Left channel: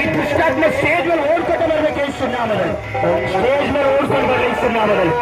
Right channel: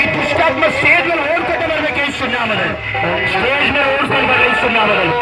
ಈ ದುಷ್ಟಾತ್ಮ ಸ್ಟೇಜ್ ಮೇಲೆ ಓಡ್ಕೊಂಡು ಬರ್ಬೇಕು ಯೇಸುನಾಮದಲ್ಲಿ. ಸ್ಟೇಜ್ ಮೇಲೆ ಓಡ್ಕೊಂಡು ಬರಲಿ ಯೇಸುನಾಮದಲ್ಲಿ.